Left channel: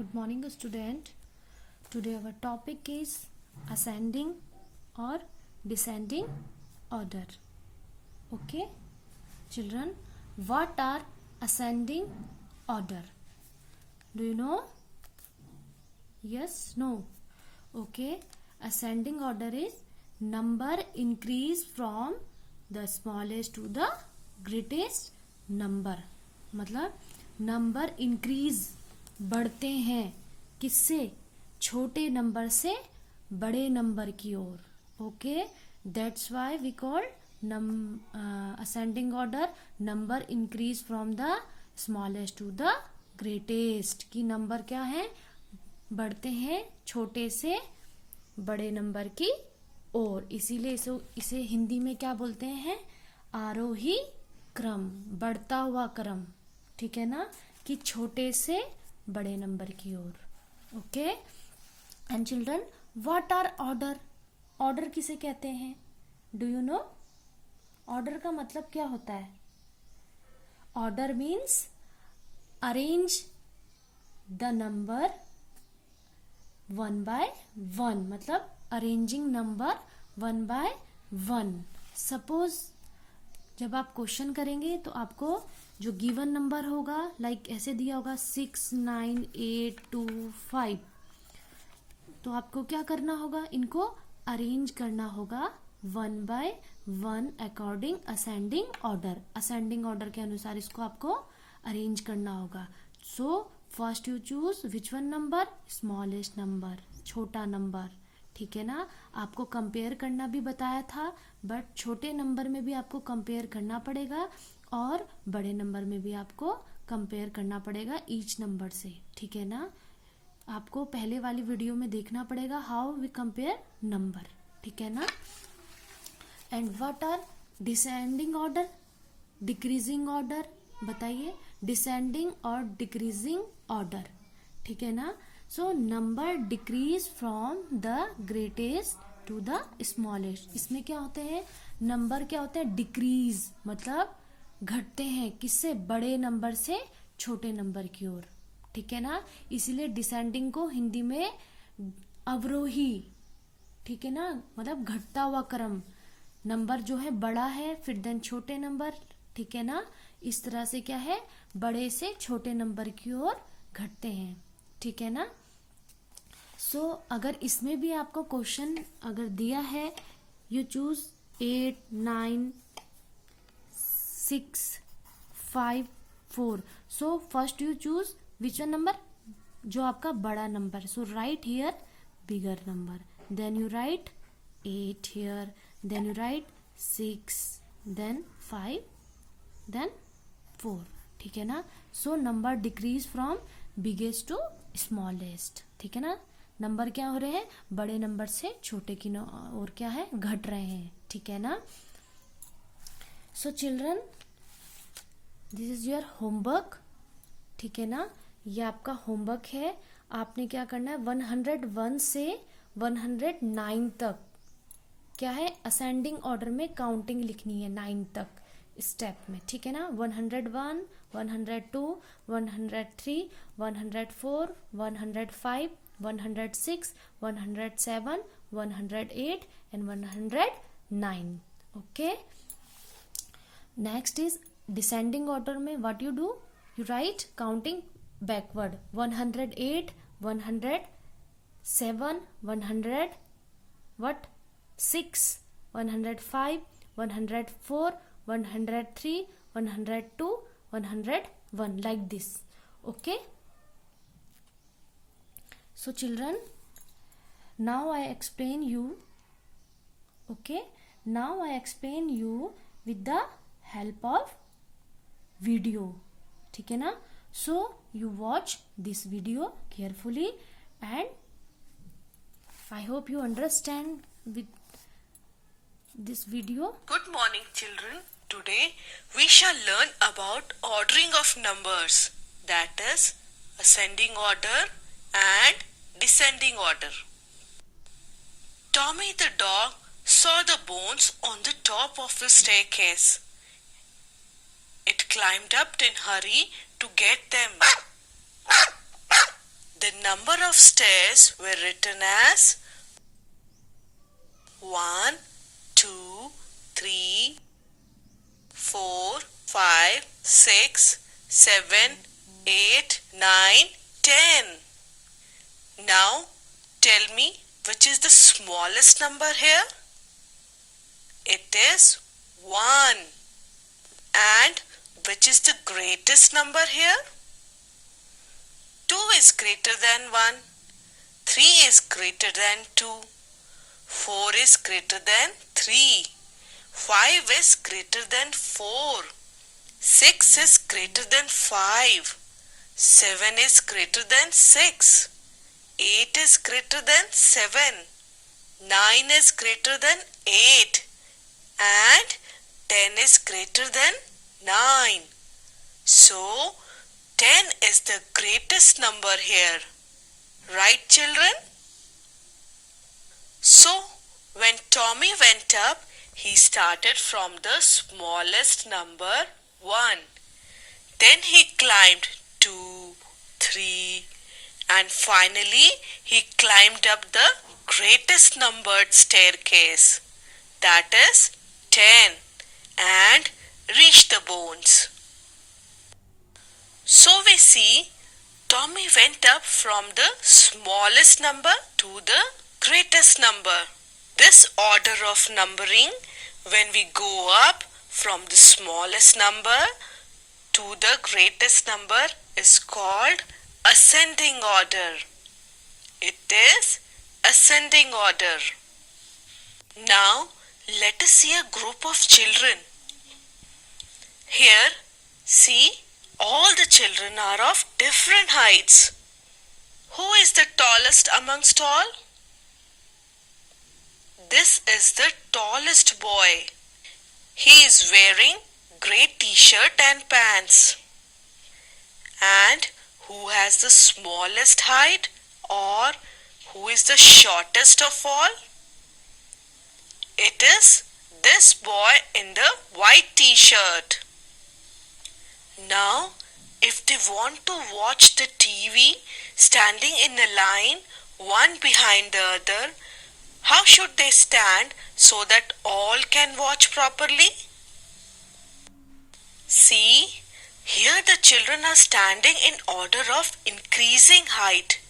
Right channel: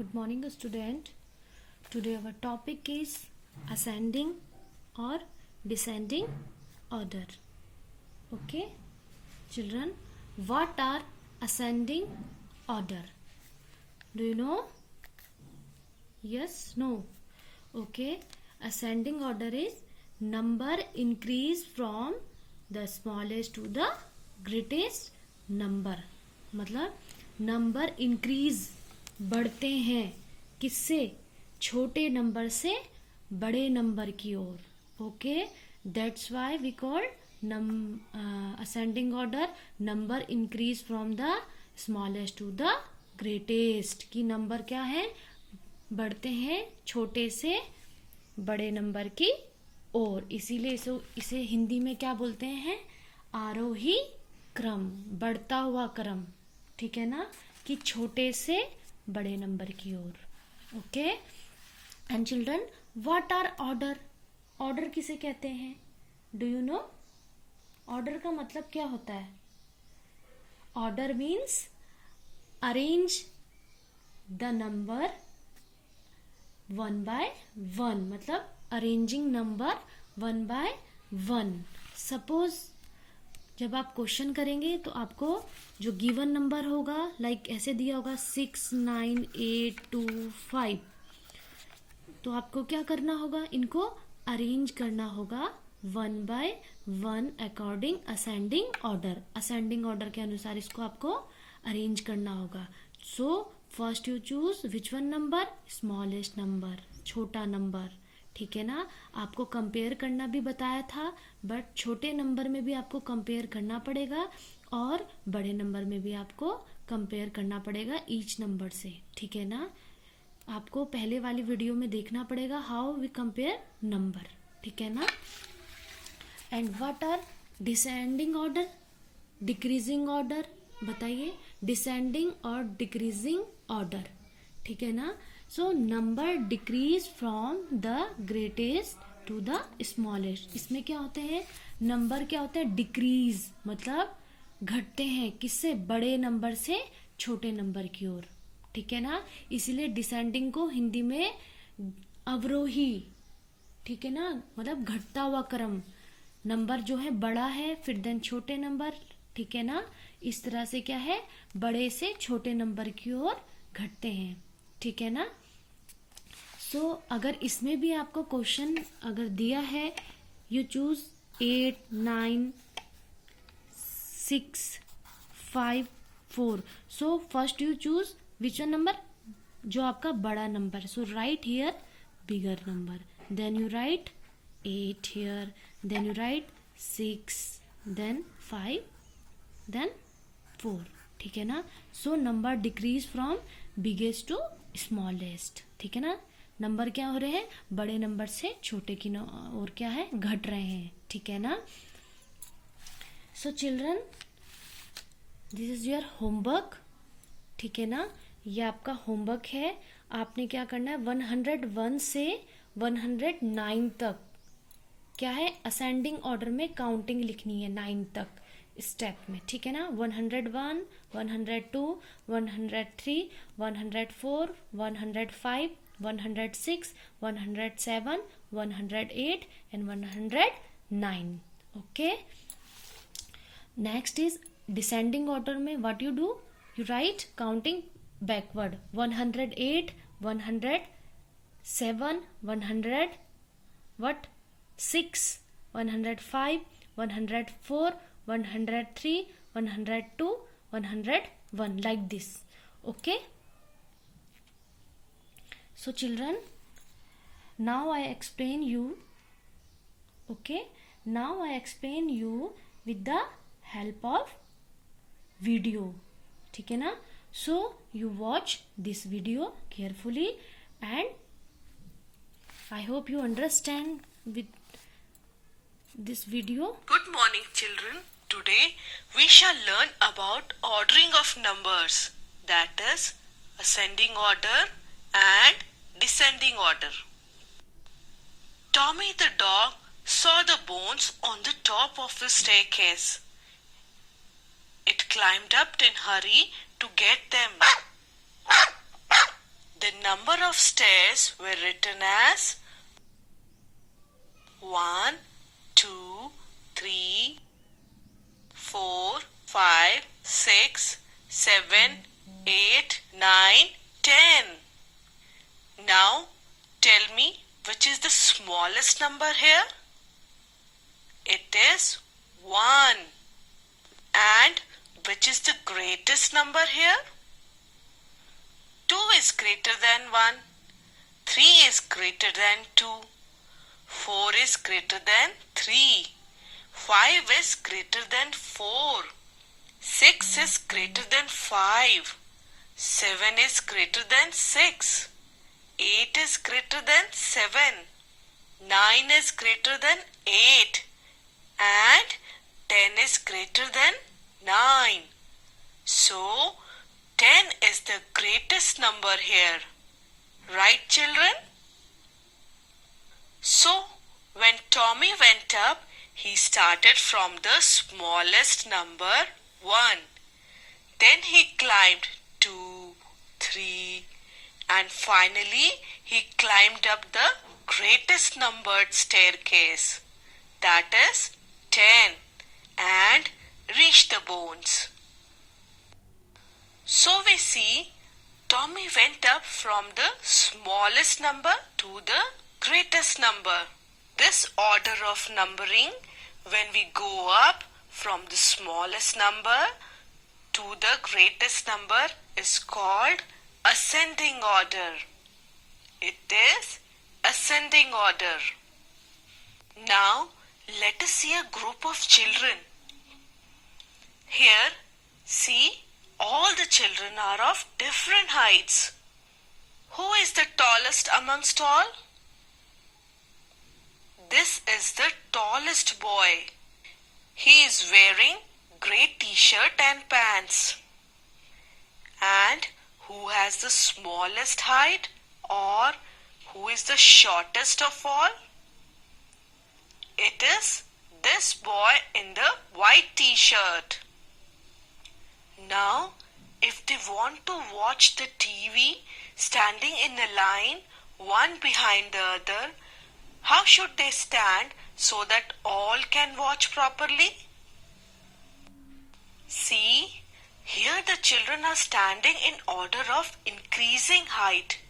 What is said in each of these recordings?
Good morning, student. Today our topic is ascending or descending order. Okay, children, what are ascending order? Do you know? Yes, no. Okay, ascending order is number increase from the smallest to the greatest number. मतलब number increase बढ़ते हैं किससे? छोटे number से बड़े number की ओर. Okay, that's why we call ascending order number increase from the smallest to the greatest. की नंबर क्या है? बढ़ते हैं छोटे से बड़े नंबर की ओर. इसीलिए इसे हिंदी में क्या बोलते हैं? आरोही क्रम, बढ़ता हुआ क्रम. ठीक है ना, कि छोटे से बड़े नंबर की ओर. Okay, and children, what are order? Order किसे कहते हैं? Do you know? ऑर्डर का मतलब क्या होता है? Order means arrange the number one by one. मतलब arranging number one by one. Suppose जब आप क्वेश्चन करेंगे तो आपको जो गिवन नंबर होगा लाइक ऐसे दिया होगा 6, 9, 8, 2, 5. तो आपको क्या करना होगा? इनको अरेंज करना होगा one by one according ascending order. Ascending order के अनुसार इसको आपको अरेंज करना होगा. सो first you choose which one number? Smallest number, छोटा नंबर. ठीक है ना, आपको कंपेयर करना भी बताया था, बट छोटे नंबर में भी आपको कंपेयर करना पड़ेगा और बड़े नंबर में भी आपको कंपेयर करना पड़ेगा ईच नंबर से. ठीक है ना, आपको पहले वाली वीडियो में देखना पड़ेगा हाउ वी कंपेयर नंबर. ठीक है ना. And what are descending order, decreasing order? बताइए, डिसेंडिंग और डिक्रीजिंग ऑर्डर. ठीक है ना. So number decrease from the greatest to the smallest. इसमें क्या होते हैं? नंबर क्या होते हैं? डिक्रीज, मतलब घटते हैं किससे? बड़े नंबर से छोटे नंबर की ओर. ठीक है ना, इसीलिए डिसेंडिंग को हिंदी में अवरोही. ठीक है ना, मतलब घटता हुआ क्रम. नंबर जो है बड़ा है, फिर देन छोटे नंबर. ठीक है ना, इस तरह से क्या है? बड़े से छोटे नंबर की ओर घटते हैं. ठीक है ना. सो अगर इसमें भी आपको क्वेश्चन अगर दिया है, you choose 8, 9, 6, 5, 4. So first you choose which one number? जो आपका बड़ा number. So write here bigger number, then you write 8 here, then you write 6, then 5, then 4. ठीक है ना. So number decrease from biggest to smallest. ठीक है ना, number क्या हो रहे हैं? बड़े नंबर से छोटे की और क्या है? घट रहे हैं. ठीक है ना. So children, this is your homework. ठीक है ना, ये आपका होमवर्क है. आपने क्या करना है? 101 से 109 तक क्या है? असेंडिंग ऑर्डर में काउंटिंग लिखनी है 9 तक स्टेप में. ठीक है ना. 101, 102, 103, 104, 105, 106, 107, 108 and 109. Okay. Next is descending order में what you do? You write counting backward. 108, 107, 100 what? 6, 105, 104, 103, 102, 101 like this. Okay. So children, now I explain you. Okay, now I explain you with the help of video. ठीक है ना. So you watch this video carefully and I hope you understand with this video. Good morning, children. Today we shall learn about ordering of numbers, that is ascending order and descending order. Tommy the dog saw the bones on the top of the staircase. It climbed up in a hurry to get them. The number of stairs were written as 1, 2, 3, 4, 5, 6, 7, 8, 9, 10. Now tell me which is the smallest number here? It is 1. And which is the greatest number here? 2 is greater than 1. 3 is greater than 2. 4 is greater than 3. 5 is greater than 4. 6 is greater than 5. 7 is greater than 6. 8 is greater than 7. 9 is greater than 8. And 10 is greater than 9. So, 10 is the greatest number here. Right, children? So, when Tommy went up, he started from the smallest number 1. Then he climbed 2, 3, and finally he climbed up the greatest numbered staircase, that is 10, and reached the bones. So we see Tommy went up from the smallest number to the greatest number. This order of numbering, when we go up from the smallest number to the greatest number, is called ascending order. It is ascending order. Now let us see a group of children. Here, see, all the children are of different heights. Who is the tallest amongst all? This is the tallest boy. He is wearing grey t-shirt and pants. And who has the smallest height, or who is the shortest of all? It is this boy in the white t-shirt. Now, if they want to watch the TV standing in a line, one behind the other, how should they stand so that all can watch properly? See, here the children are standing in order of increasing height.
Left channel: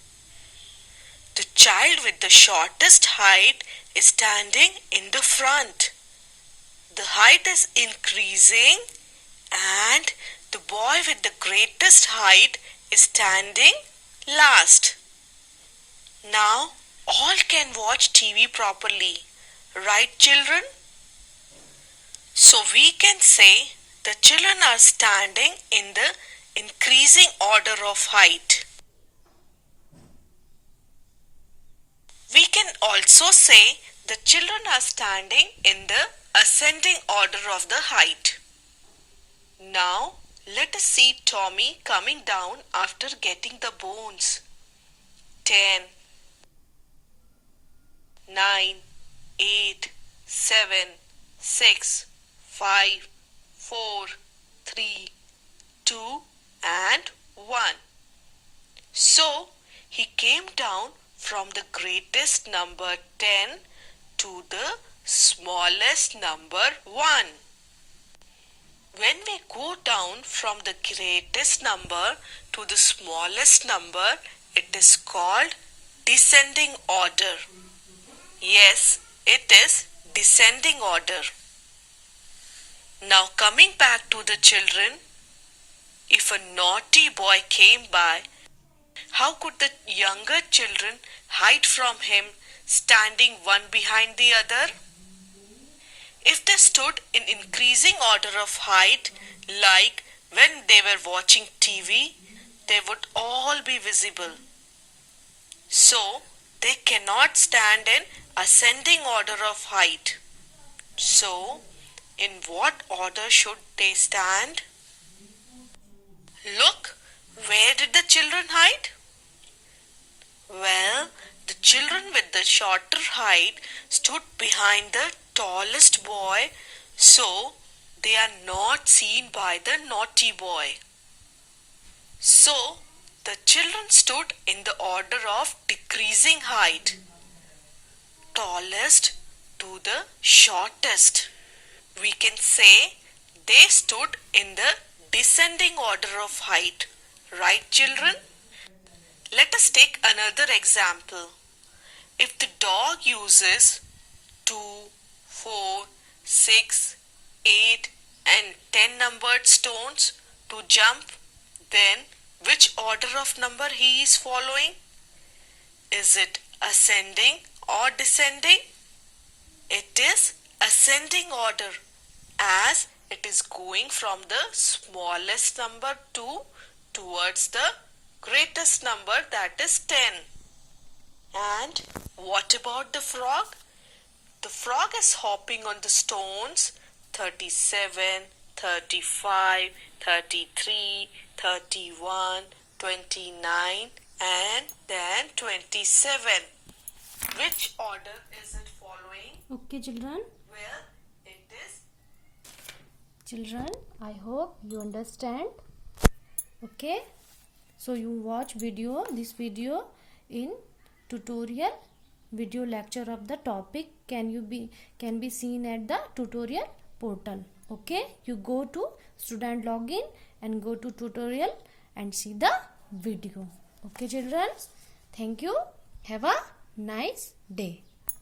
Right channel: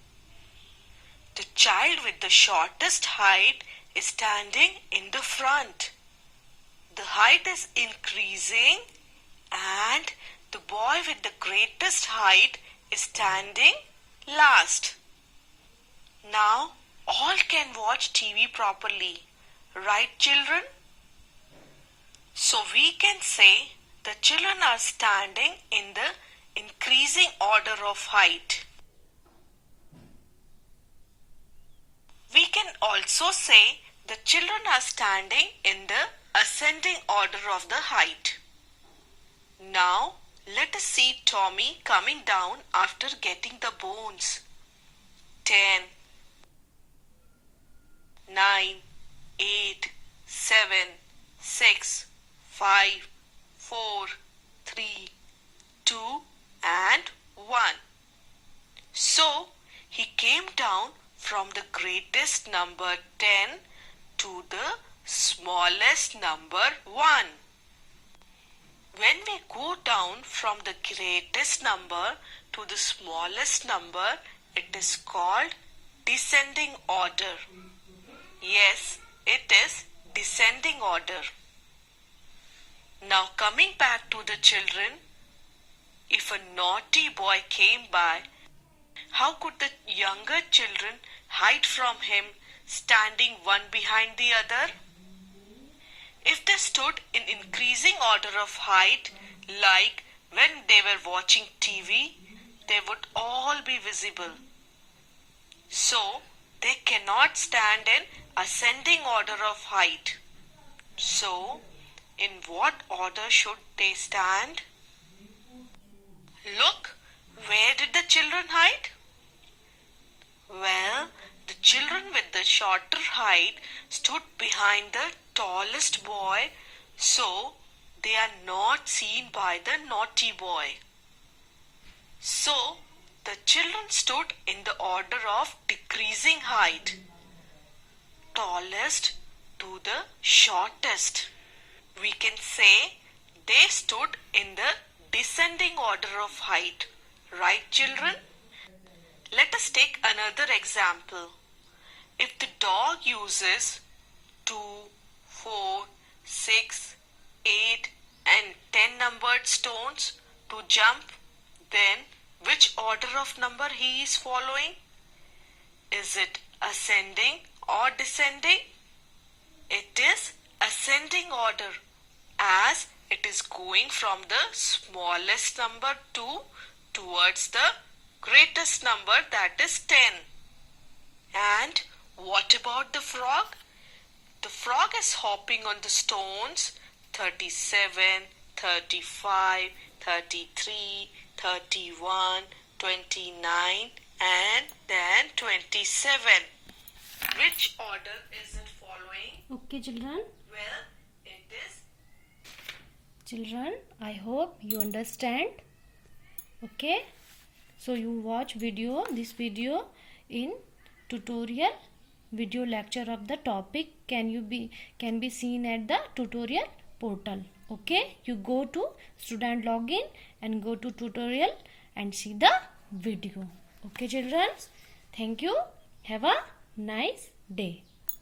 The child with the shortest height is standing in the front. The height is increasing and the boy with the greatest height is standing last. Now all can watch TV properly. Right, children? So we can say the children are standing in the increasing order of height. We can also say the children are standing in the ascending order of the height. Now, let us see Tommy coming down after getting the bones. 10, 9, 8, 7, 6, 5, 4, 3, 2, and 1. So, he came down from the greatest number 10 to the smallest number 1. When we go down from the greatest number to the smallest number, it is called descending order. Yes, it is descending order. Now coming back to the children, if a naughty boy came by, how could the younger children hide from him, standing one behind the other? If they stood in increasing order of height, like when they were watching TV, they would all be visible. So, they cannot stand in ascending order of height. So, in what order should they stand? Look, where did the children hide? Well, the children with the shorter height stood behind the tallest boy, so they are not seen by the naughty boy. So, the The children stood in the order of decreasing height, tallest to the shortest. We can say they stood in the descending order of height. Right, children? Let us take another example. If the dog uses 2, 4, 6, 8 and 10 numbered stones to jump, then which order of number he is following? Is it ascending or descending? It is ascending order, as it is going from the smallest number 2 towards the greatest number, that is 10. And what about the frog? The frog is hopping on the stones 37, 35, 33, 31, 29 and then 27. Which order is it following? Okay, children. Well, it is. Children, I hope you understand. Okay, so you watch this video in tutorial video lecture of the topic can be seen at the tutorial portal. Okay, you go to student login and go to tutorial and see the video. Okay, children, thank you. Have a nice day.